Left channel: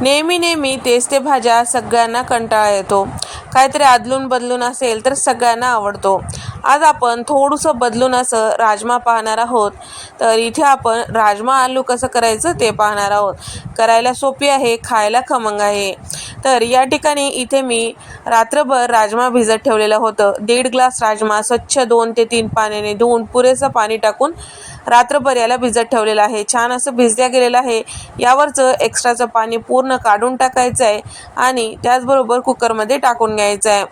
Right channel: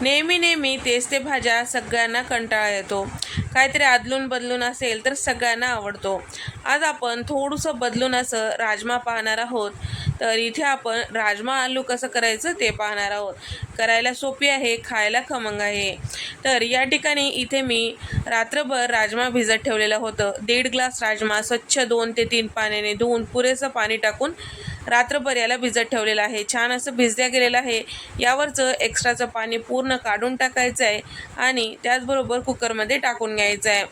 नेहमी नेहमी तेच ते भाज्या सगळ्यांना कंटाळा येतो. काहीतरी आदलून बदलून असेल तर सगळ्यांना आवडतो. आज आपण थोडंसं बदलून असं राजमा पाहणार आहोत. तर इथे आपण राजमा आलू कसं करायचं ते पाहणार आहोत. करायला सोपी आहे खायला खमंग आहे. तर या ठिकाणी इथे मी रात्रभर राजमा भिजत ठेवलेलं होतं. दीड ग्लास राजमा स्वच्छ दोन ते तीन पाण्याने धुवून पुरेसं पाणी टाकून रात्रभर याला भिजत ठेवलेलं आहे. छान असं भिजल्या गेलेलं आहे. यावरचं एक्स्ट्राचं पाणी पूर्ण काढून टाकायचं आहे आणि त्याचबरोबर कुकरमध्ये टाकून घ्यायचं आहे.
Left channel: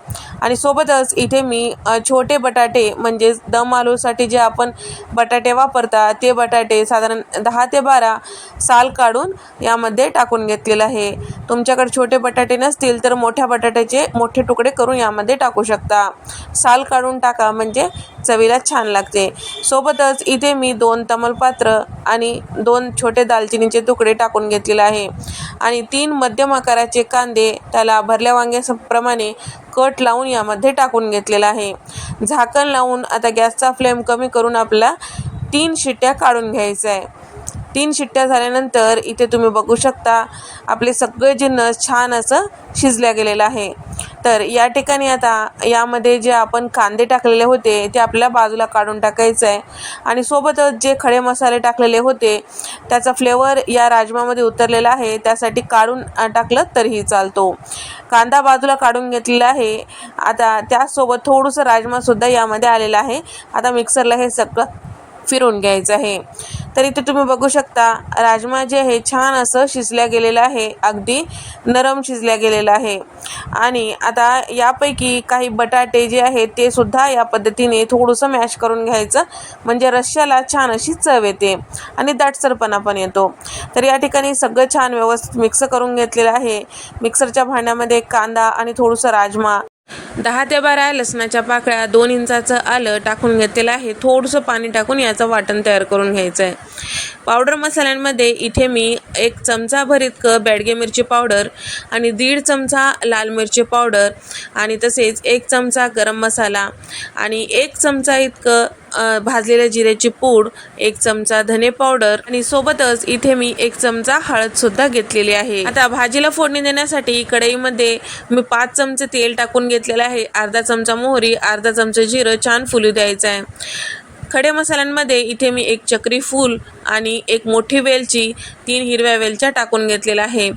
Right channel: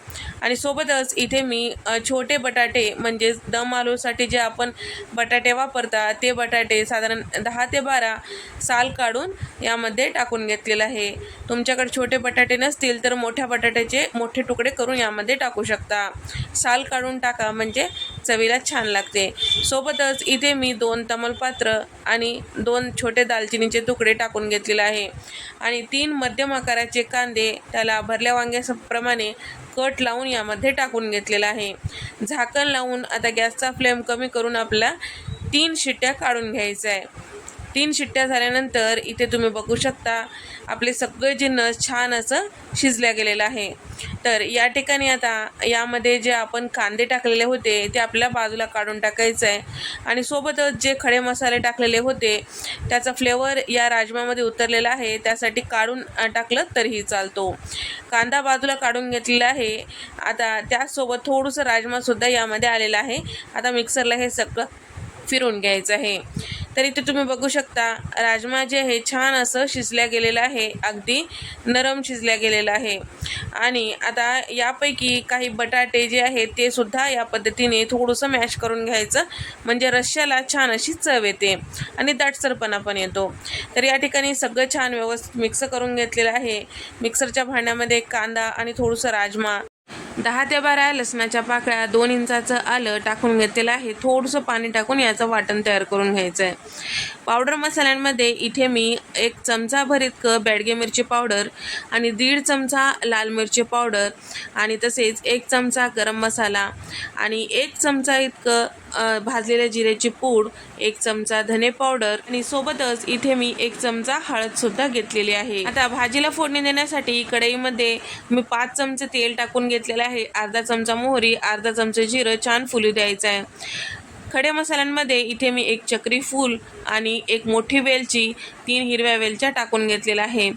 आणि सोबतच इथे मी छोटे बटाटे म्हणजेच दम आलूसाठी जे आपण बटाटे वापरतात ते बटाटे साधारण दहा ते बारा साल काढून यामध्ये टाकून घेतलेलं आहे. तुमच्याकडे छोटे बटाटे नसतील तर मोठ्या बटाट्याचे मोठे तुकडे करून यामध्ये टाकू शकता. साल काढून टाका म्हणजे चवीला छान लागते. सोबतच इथे मी दोन तमलपात्र आणि दोन छोटे दालचिनीचे तुकडे टाकून घेतलेले आहे. आणि तीन मध्यम आकाराचे कांदे त्याला भरल्या वांग्याप्रमाणे कट लावून यामध्ये टाकून घेतलेला आहे. झाकण लावून आता गॅसचा फ्लेम कमी करून आपला तीन शिट्ट्या काढून घ्यायचं आहे तीन शिट्ट्या झाल्यानंतर इथे तुम्ही बघू शकता आपले सगळे जिन्नस छान असं शिजल्या गेलेलं आहे. तर या ठिकाणी आता यामध्ये जे आपण कांदे टाकलेले होते ते आपल्याला बाजूला काढून टाकायचं आहे आणि सोबतच जे खडे मसाले टाकलेले होते त्याचा फ्लेवर या राजमामध्ये उतरलेला आहे. त्यासाठी काढून टाकलं तरीही चालतो. कांदा बाजूला काढून घेतलेला आहे. आता त्यासोबत थोडंसं राजमासुद्धा यामध्ये आलेलं आहे. आता मिक्सरला हे सगळं फिरून घ्यायचं आहे. तर इथे तुम्ही बघू शकता राजमा जे आहे छान असं शिजल्या गेलेलं आहे. अगदी नरम शिजल्या गेलेलं आहे. आणि आता यापैकी काही बटाटे जे आहेत ते सुद्धा या पद्धतीने थोडंसं मॅश करून घ्यायचं. म्हणजे रश्श्याला छान अशी चव येते. आणि दाटसरपणा पण येतो. तर या ठिकाणी सगळं छान व्यवस्थित मिक्स करून घेतलेलं आहे. मिक्सरच्या भांड्यामध्ये कांदा आणि थोडंसं राजमा दहा ते बारा लसणाच्या पाकळ्या दोन इंचाचं आलं टाकून घेतलेलं आहे. थोडंसं पाणी टाकून याचं वाटण तयार करून घ्यायचं आहे पावडर मसाल्यांमध्ये इथे मी एक चमचाभर इतकं बेडगे मिरची पावडर आणि दीड चमचा लाल मिरची पावडर आणि तसेच एक चमचा गरम मसाला आणि एक चमचा इतकं भाजलेल्या जिऱ्याची पूड एक चमचा धने पावडर आणि सोबतच इथे मी एक चमचा हळद सुद्धा घेतलेली आहे. आता भाजीला फोडणी देण्यासाठी कढईमध्ये मी पाच चमचे तेल टाकून घेतलेलं आहे. अर्धा चमचा मोहरी अर्धा चमचा जिरं छान फुलू द्यायचं आहे. खडे मसाल्यांमध्ये इथे मी एक चक्री फूल आणि एक मोठी वेलची तीन हिरव्या वेलच्या टाकून घेतलेल्या आहे.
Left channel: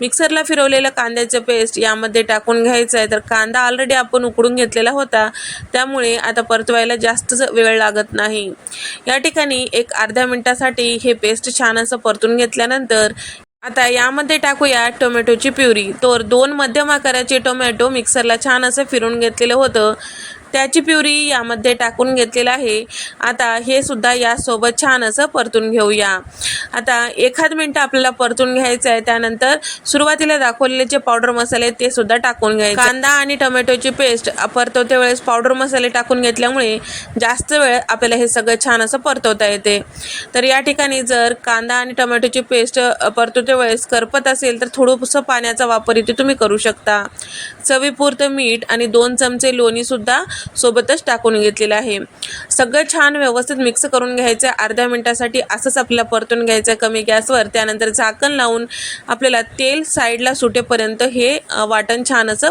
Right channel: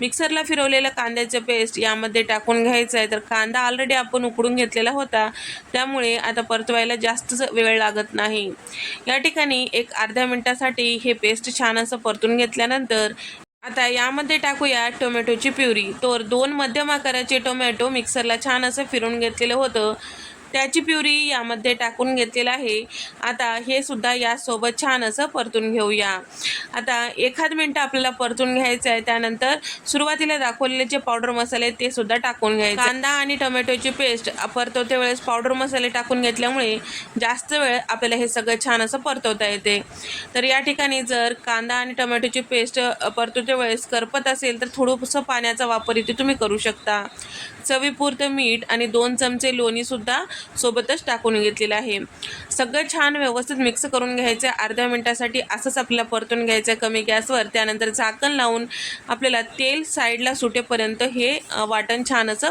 मिक्सरला फिरवलेलं कांद्याचं पेस्ट यामध्ये टाकून घ्यायचं आहे. तर कांदा ऑलरेडी आपण उकडून घेतलेला होता. त्यामुळे आता परतवायला जास्त वेळ लागत नाही. या ठिकाणी एक अर्ध्या मिनटासाठी हे पेस्ट छान असं परतून घेतल्यानंतर आता यामध्ये टाकूया टोमॅटोची प्युरी. तर दोन मध्यम आकाराचे टोमॅटो मिक्सरला छान असं फिरून घेतलेलं होतं. त्याची प्युरी यामध्ये टाकून घेतलेलं आहे. आता हे सुद्धा यासोबत छान असं परतून घेऊया. आता एखाद मिनटं आपल्याला परतून घ्यायचं आहे. त्यानंतर सुरुवातीला दाखवलेले जे पावडर मसाले ते सुद्धा टाकून घ्यायचे. कांदा आणि टोमॅटोची पेस्ट परतवते वेळेस पावडर मसाले टाकून घेतल्यामुळे जास्त वेळ आपल्याला हे सगळं छान असं परतवता येते. तर या ठिकाणी जर कांदा आणि टोमॅटोची पेस्ट परतवते वेळेस करपत असेल तर थोडंसं पाण्याचा वापर इथे तुम्ही करू शकता. चवीपुरतं मीठ आणि दोन चमचे लोणीसुद्धा सोबतच टाकून घेतलेलं आहे. सगळं छान व्यवस्थित मिक्स करून घ्यायचं. आहे अर्ध्या मिनटासाठी असंच आपल्याला परतून घ्यायचं आहे कमी गॅसवर. त्यानंतर झाकण लावून आपल्याला तेल साईडला सुटेपर्यंत हे वाटण छान असं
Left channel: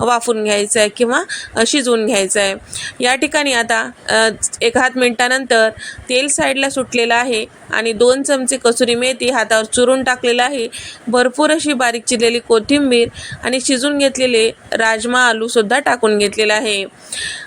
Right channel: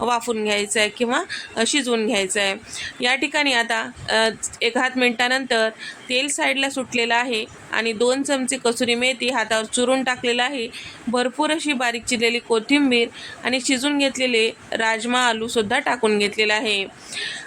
वाफून घ्यायचं आहे किंवा शिजवून घ्यायचं आहे. या ठिकाणी आता अ, एक हात मिनटानंतर तेल साईडला सुटलेलं आहे आणि दोन चमचे कसुरी मेथी हातावर चुरून टाकलेलं आहे. भरपूर अशी बारीक चिरलेली कोथिंबीर आणि शिजून घेतलेले राजमा आलूसुद्धा टाकून घेतलेला आहे.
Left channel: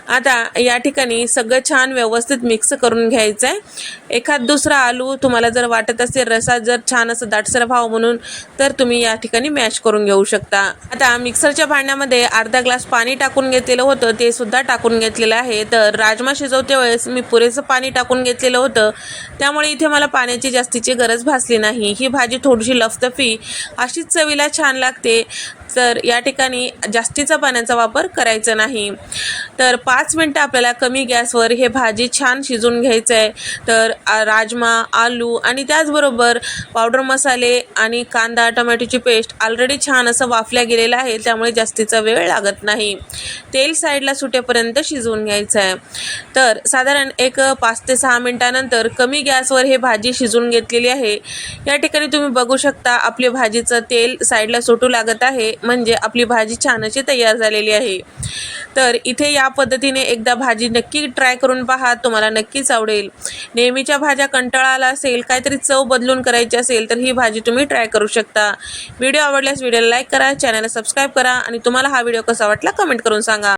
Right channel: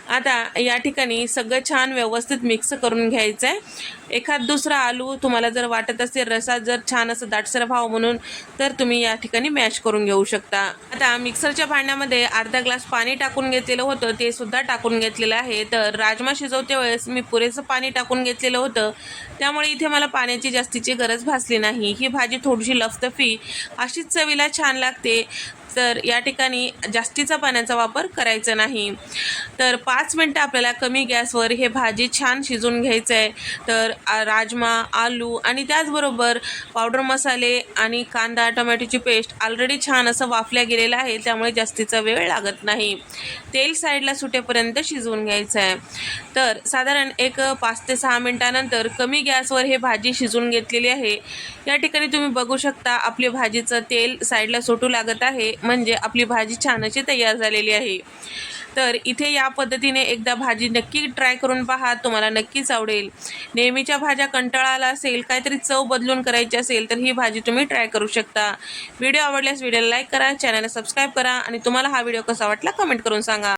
आता या ठिकाणी सगळं छान व्यवस्थित मिक्स करून घ्यायचं आहे एखाद दुसरा आलू तुम्हाला जर वाटत असेल रसा जर छान असं दाटसर व्हावं म्हणून तर तुम्ही या ठिकाणी मॅश करून घेऊ शकता. आता मिक्सरच्या भांड्यामध्ये अर्धा ग्लास पाणी टाकून घेतलेलं होतं ते सुद्धा टाकून घेतलेलं आहे. तर राजमा शिजवते वेळेस मी पुरेसं पाणी टाकून घेतलेलं होतं. त्यामुळे इथे मला पाण्याची जास्तीची गरज भासली नाही. ही भाजी थोडीशी लफतफी अशीच चवीला छान लागते. तर या ठिकाणी जास्तीचा पाण्याचा वापर करायचा नाही. तर पा पाच मिनटं आपल्याला कमी गॅसवर हे भाजी छान शिजून घ्यायचं आहे तर राजमा आलू आणि त्याचबरोबर पावडर मसाले आणि कांदा टोमॅटोची पेस्ट ऑलरेडी छान असं वाफल्या गेलेलं आहे त्यामुळे जास्तीचा वेळ लागत नाही. तेल साईडला सुटेपर्यंत शिजवून घ्यायचं आहे तर साधारण एक पाच ते सहा मिनटानंतर कमी गॅसवर हे भाजी शिजून घेतलेली आहे. या ठिकाणी तुम्ही बघू शकता आपली भाजीचं तेल साईडला सुटू लागत आहे म्हणजे आपली भाजी छान अशी तयार झालेली आहे. तर इथे या पद्धतीने एकदा भाजी नक्की ट्राय करून पहा तुम्हाला नक्कीच आवडेल. नेहमीच्या भाज्या कंटाळा आला असेल काहीतरी चव बदलून करायची असेल तर ही भाजी तुम्ही ट्राय करू शकता. व्हिडिओ आवडल्यास व्हिडिओला लाईक करा चॅनलला सबस्क्राईब करा आणि तुम्हाला हा व्हिडिओ कसा वाटला कमेंट करून सांगा.